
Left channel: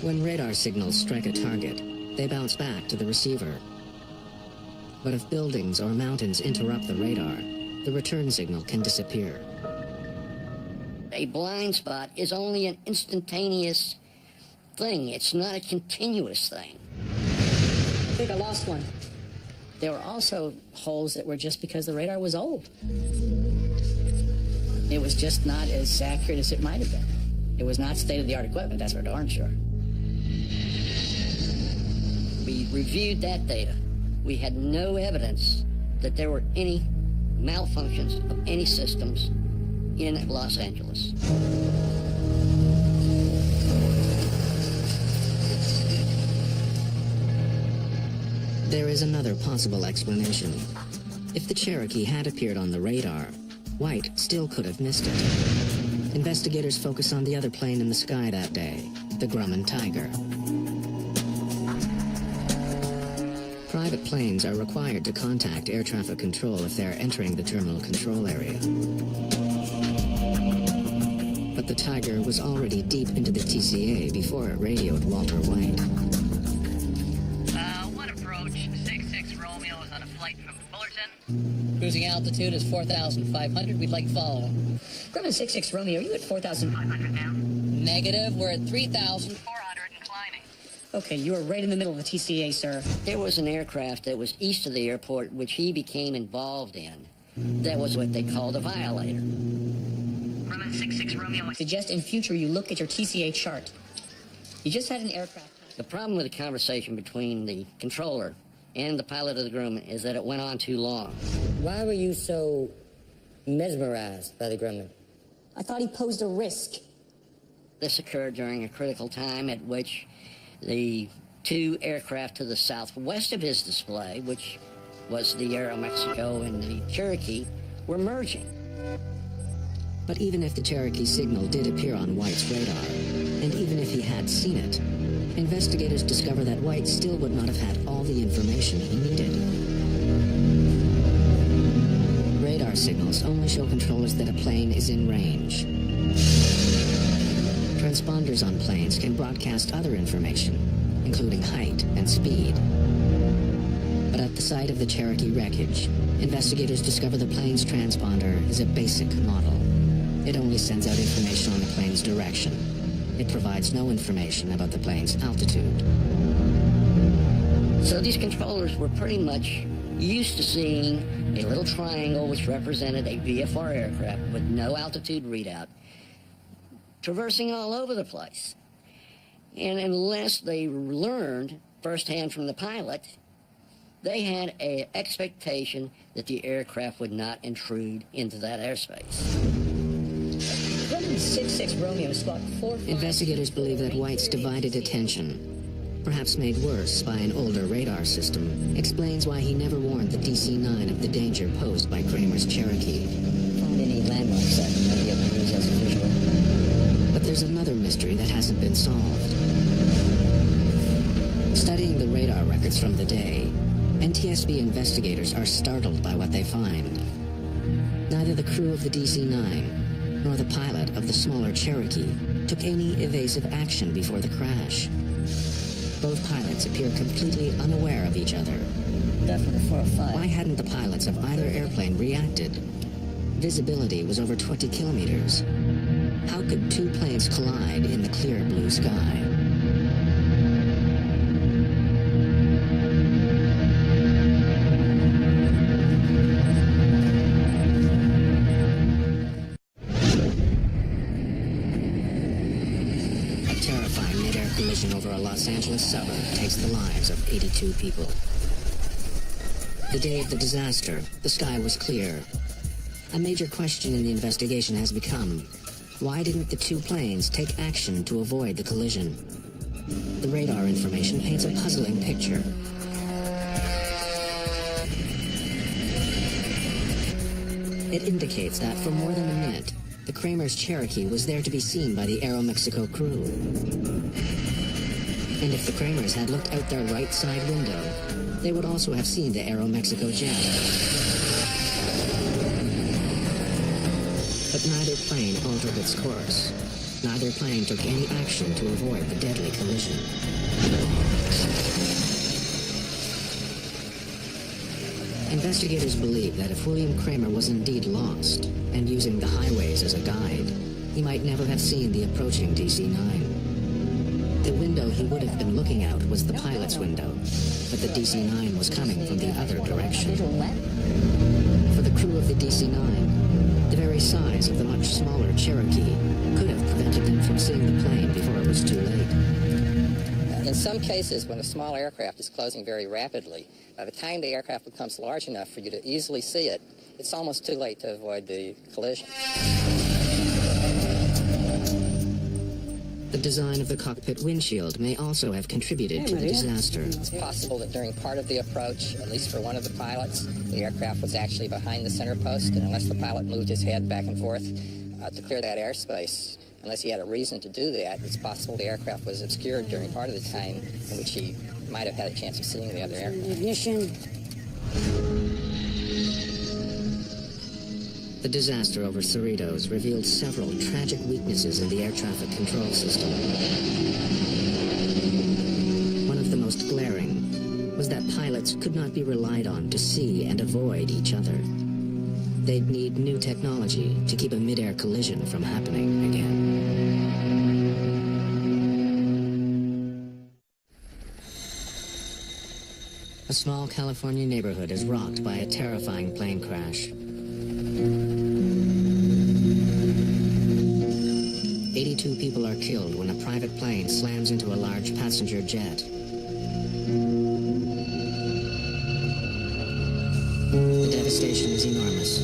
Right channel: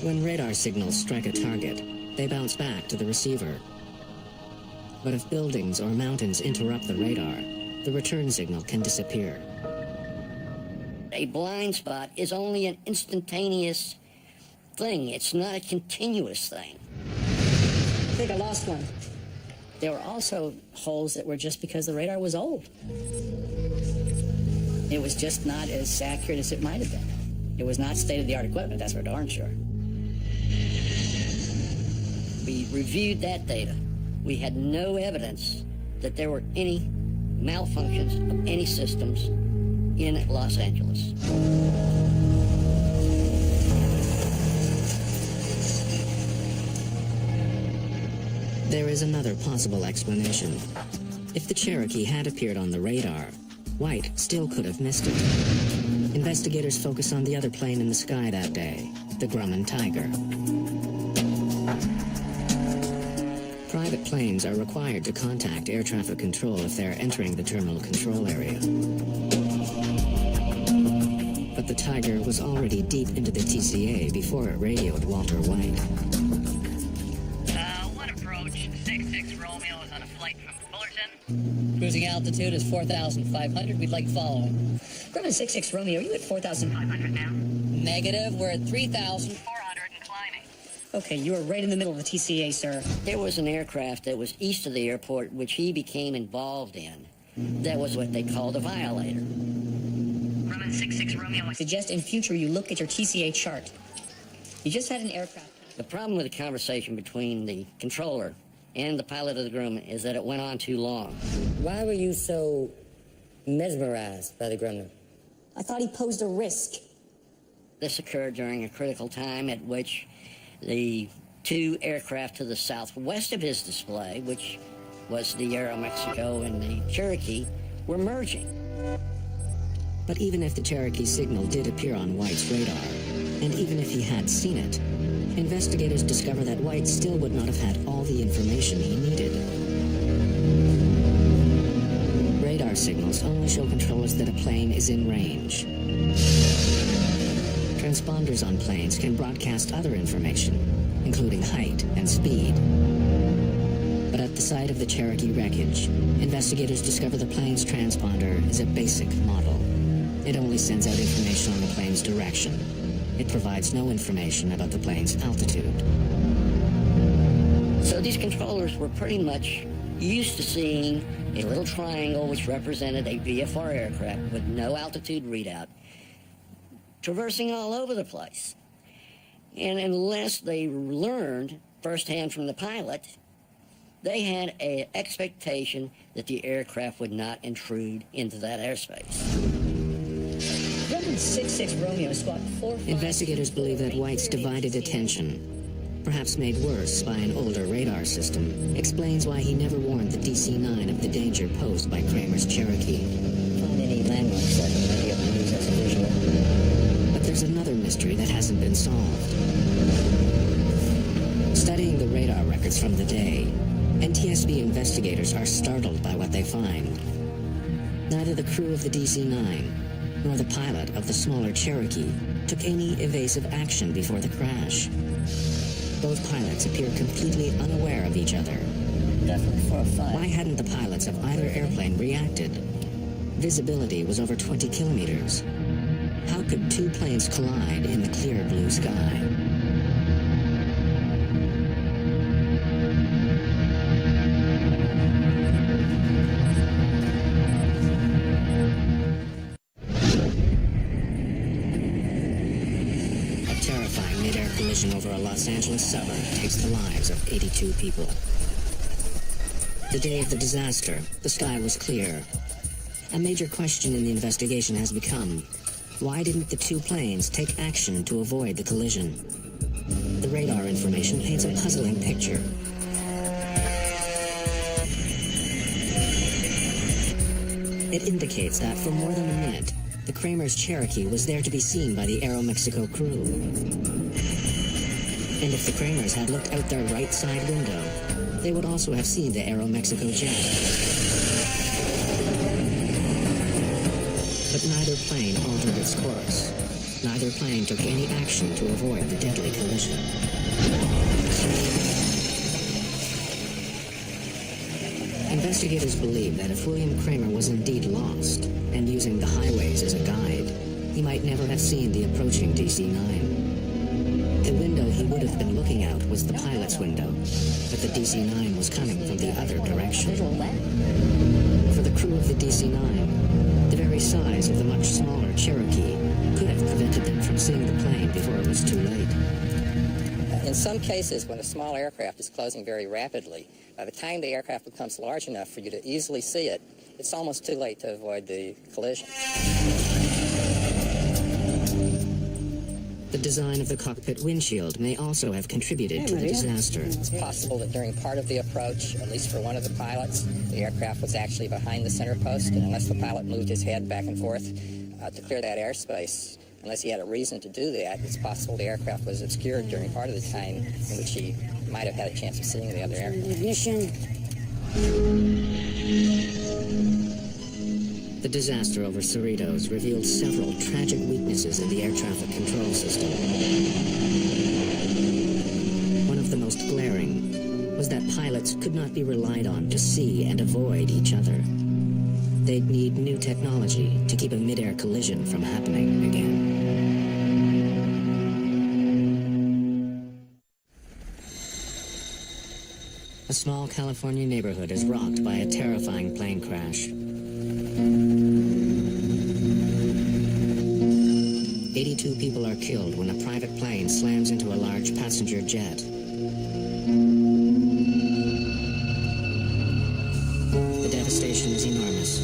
When radar signals strike a target, they bounce back to the receiver. But if buildings or mountains interrupt the radar, the return signal can disappear. A blind spot is only an instantaneous thing. It's not a continuous thing. I think I lost one. There were also holes that were just because the radar was old. It was just not as accurate as it might have been. It was not state-of-the-art equipment, that's for darn sure. We reviewed that data. We had no evidence that there were any malfunctions of any systems in Los Angeles. There is another possible explanation. If the Cherokee had appeared on the radar, White still could have missed it. Investigators focus on the other plane in the sky that day, the Grumman Tiger. Private planes are required to contact air traffic control if they're entering the terminal control area. But the Tiger was already deep into the TCA before it radioed Walter White. One approach, 66 Romeo is on a flight from Fullerton. Cruising altitude is 4,500. We'd like following. Grumman 66 Romeo, are you at 4,500 now. Negative, we're at 3,000. 400 and climbing. Okay, you are right in the middle of the TCA, sir. There was an aircraft that was east of the airport, which he became involved in. That was what they called a violator. Grumman 66 Romeo. I suggest in future you look at your TCA chart. You just had an aircraft. The problem with the conversation between the controller and the pilot of the Grumman is that it went on too long. Why were you so mesmerized by the Grumman? I thought he posed a risk. This occurred during a critical time at which the two aircraft to the southwest of his display, which was the Aeromexico and the Cherokee, were merging. But even if the Cherokee signal did appear on White's radar, and even if he had seen it, investigators discover that White still would not have had all the information he needed. Radar signals only show controllers that a plane is in range. Transponders on planes can broadcast other information, including height and speed. But at the site of the Cherokee wreckage, investigators discover the plane's transponder is a basic model. It only sends out information on the plane's direction. It provides no information about the plane's altitude. So these controllers were pretty much used to seeing a little triangle which represented a VFR aircraft with no altitude readout, traversing all over the place. And unless they learned firsthand from the pilot, they had an expectation that the aircraft would not intrude into that airspace. Grumman 66 Romeo Squawk 45... Investigators believe that White's divided attention, perhaps made worse by an older radar system, explains why he never warned the DC-9 of the danger posed by Kramer's Cherokee. Find any landmarks that we might be able to use as a visual. But there's another mystery that hasn't been solved. Studying the radar records from the day, NTSB investigators are startled by what they find. Neither the crew of the DC-9 nor the pilot of the smaller Cherokee took any evasive action before the crash. Both pilots appear completely unaware of each other. Definitely 405. Why hadn't the pilots of either airplane reacted? Visibility was over 20 kilometers. How could two planes collide in the clear blue sky? A terrifying mid-air collision over a Los Angeles suburb takes the lives of 82 people. The day of the disaster, the sky was clear. A major question in the investigation has become, why didn't the two planes take action to avoid the collision? The radar information paints a puzzling picture. It indicates that for more than a minute, the Kramer's Cherokee was there to be seen by the Aeromexico crew. And if the Kramers had looked out their right side window, they would also have seen the Aeromexico jet. But neither plane altered its course. Neither plane took any action to avoid the deadly collision. Investigators believe that if William Kramer was indeed lost, and using the highways as a guide, he might never have seen the approaching DC-9. The window he would have been looking out was the pilot's window, but the DC-9 was coming from the other direction. For the crew of the DC-9, the very size of the much smaller Cherokee could have prevented them from seeing the plane before it was too late. In some cases, when a small aircraft is closing very rapidly, by the time the aircraft becomes large enough for you to easily see it, it's almost too late to avoid the collision. The design of the cockpit windshield may also have contributed to the disaster. It's possible that during part of the approach, at least for one of the pilots, the aircraft was actually behind the center post, and unless the pilot moved his head back and forth to clear that airspace, unless he had a reason to do that, it's possible the aircraft was obscured during part of the time in which he might have had a chance of seeing the other aircraft. Ignition. The disaster over Cerritos revealed several tragic weaknesses in the air traffic control system. One of the most glaring was that pilots could not be relied on to see and avoid each other. They'd need new technology to keep a mid-air collision from happening again. A small California neighborhood is rocked by a terrifying plane crash. 82 people are killed when a private plane slams into a large passenger jet. The devastation is enormous.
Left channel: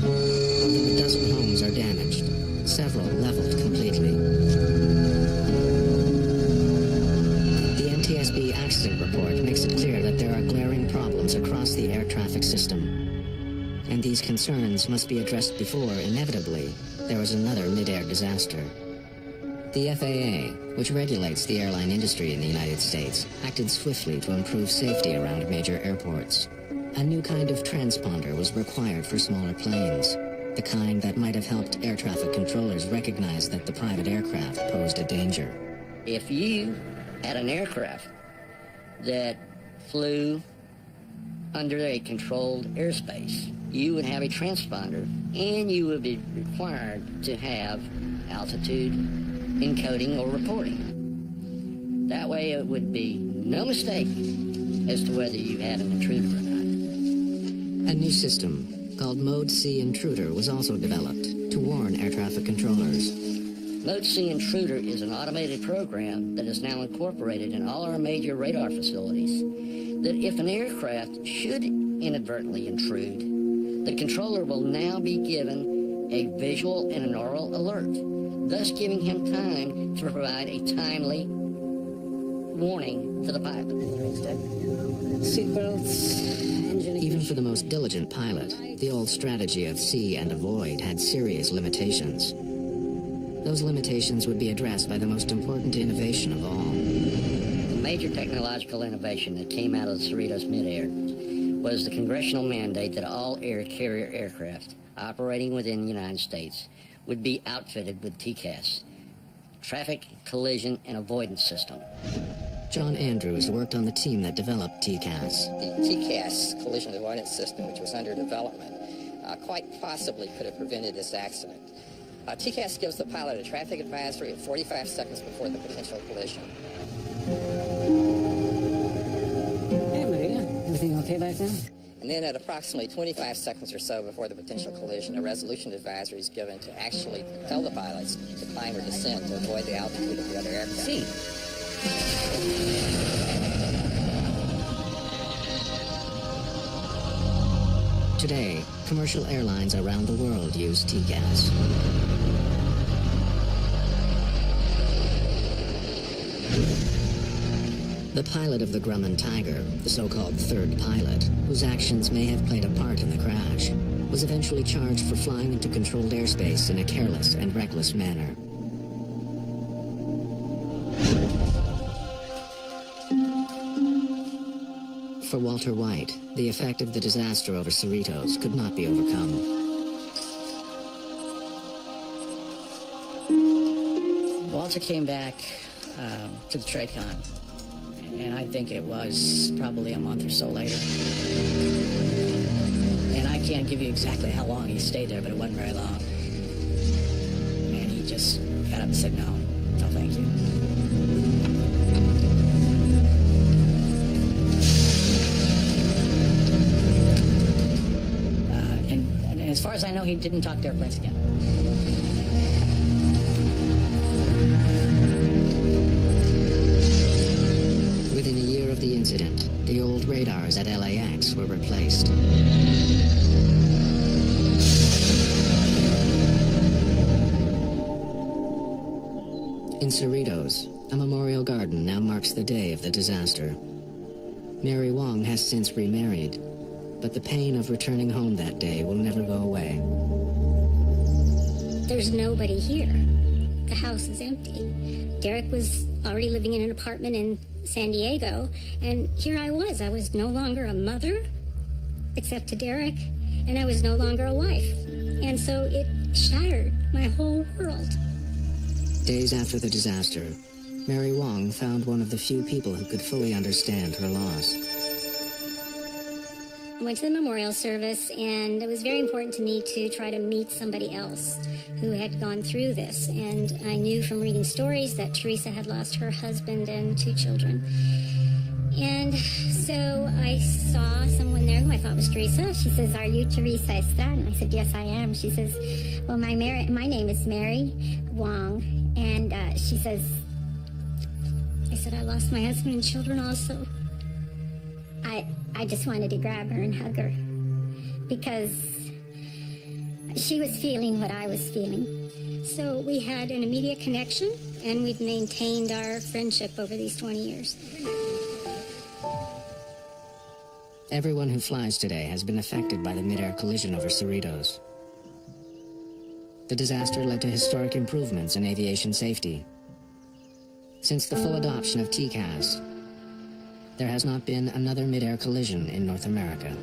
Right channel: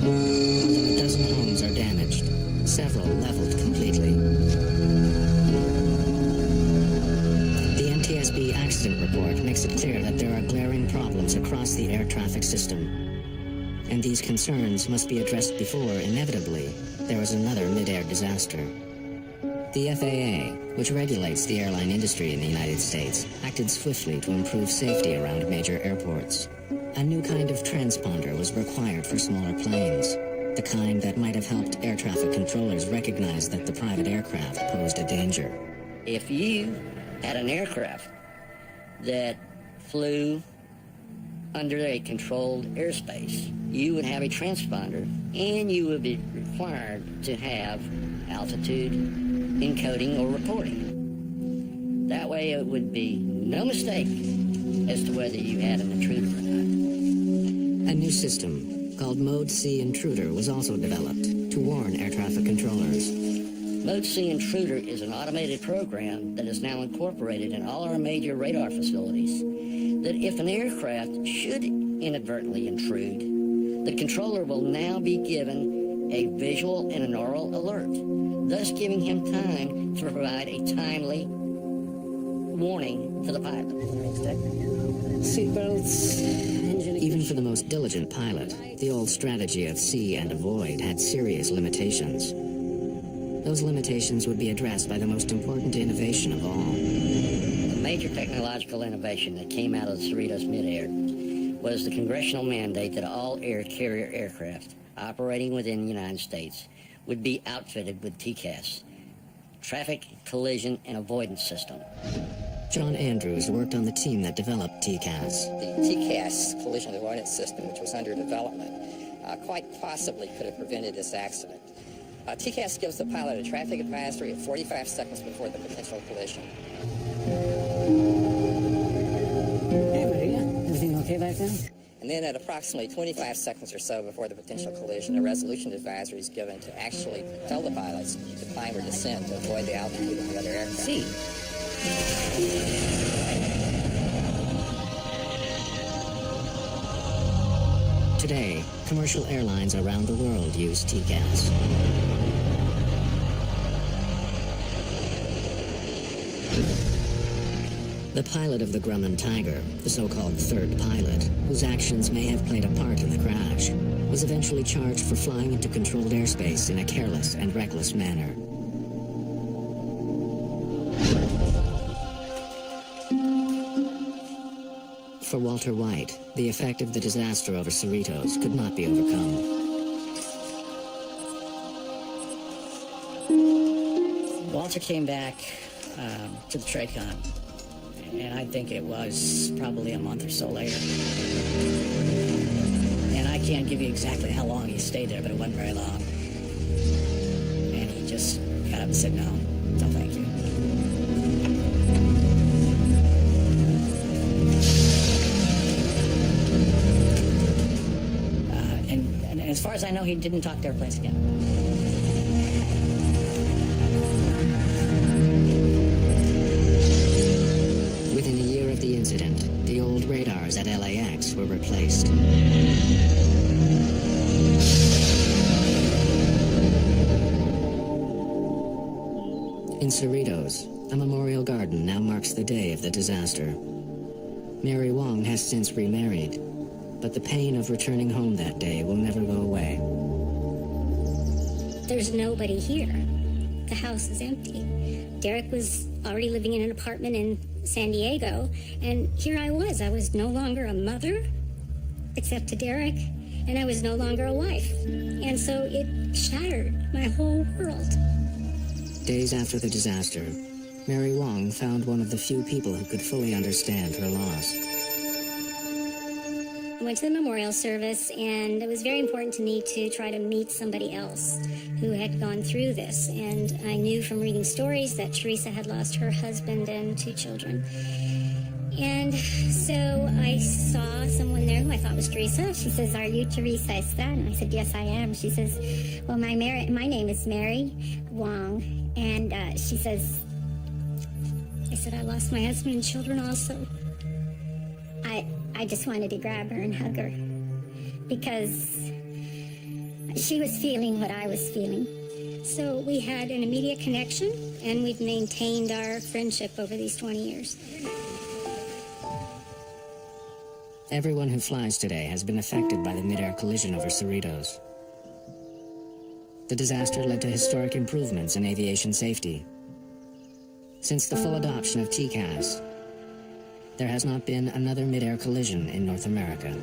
More than a dozen homes are damaged, several leveled completely. The NTSB accident report makes it clear that there are glaring problems across the air traffic system, and these concerns must be addressed before, inevitably, there is another mid-air disaster. The FAA, which regulates the airline industry in the United States, acted swiftly to improve safety around major airports. A new kind of transponder was required for smaller planes, the kind that might have helped air traffic controllers recognize that the private aircraft posed a danger. If you had an aircraft that flew under a controlled airspace, you would have a transponder, and you would be required to have altitude encoding or reporting. That way it would be no mistake as to whether you had an intruder or not. A new system called Mode C Intruder was also developed to warn air traffic controllers. Mode C Intruder is an automated program that is now incorporated in all our major radar facilities, that if an aircraft should inadvertently intrude, the controller will now be given a visual and an oral alert, thus giving him time to provide a timely warning to the pilot. Seatbelts, engine ignition. Even for the most diligent pilot, the old strategy of see and avoid had serious limitations. Those limitations would be addressed by the most important innovation of all. The major technological innovation that came out of the Cerritos midair was the congressional mandate that all air carrier aircraft operating within the United States would be outfitted with TCAS, Traffic Collision and Avoidance System. John Andrews worked on the team that developed TCAS. The TCAS collision avoidance system, which was under development, quite possibly could have prevented this accident. TCAS gives the pilot a traffic advisory at 45 seconds before the potential collision. Hey, Maria. Everything okay back there? And then at approximately 25 seconds or so before the potential collision, a resolution advisory is given to actually tell the pilots to climb or descend to avoid the altitude of the other aircraft. See. Today, commercial airlines around the world use TCAS. The pilot of the Grumman Tiger, the so-called third pilot, whose actions may have played a part in the crash, was eventually charged for flying into controlled airspace in a careless and reckless manner. For Walter White, the effect of the disaster over Cerritos could not be overcome. Walter came back to the TRACON, and I think it was probably a month or so later. And I can't give you exactly how long he stayed there, but it wasn't very long. And he just got up and said, no, thank you. And as far as I know, he didn't talk to airplanes again. Within a year of the incident, the old radars at LAX were replaced. In Cerritos, a memorial garden now marks the day of the disaster. Mary Wong has since remarried, but the pain of returning home that day will never go away. There's nobody here. The house is empty. Derek was already living in an apartment in San Diego, and here I was. I was no longer a mother, except to Derek, and I was no longer a wife. And so it shattered my whole world. Days after the disaster, Mary Wong found one of the few people who could fully understand her loss. I went to the memorial service, and it was very important to me to try to meet somebody else who had gone through this. And I knew from reading stories that Teresa had lost her husband and 2 children. And so I saw someone there who I thought was Teresa. She says, "Are you Teresa Estrada?" And I said, "Yes, I am." She says, "Well, my name is Mary Wong." And she says, I said, "I lost my husband and children also." I just wanted to grab her and hug her because she was feeling what I was feeling. So we had an immediate connection, and we've maintained our friendship over these 20 years. Everyone who flies today has been affected by the mid-air collision over Cerritos. The disaster led to historic improvements in aviation safety. Since the full adoption of TCAS, there has not been another mid-air collision in North America.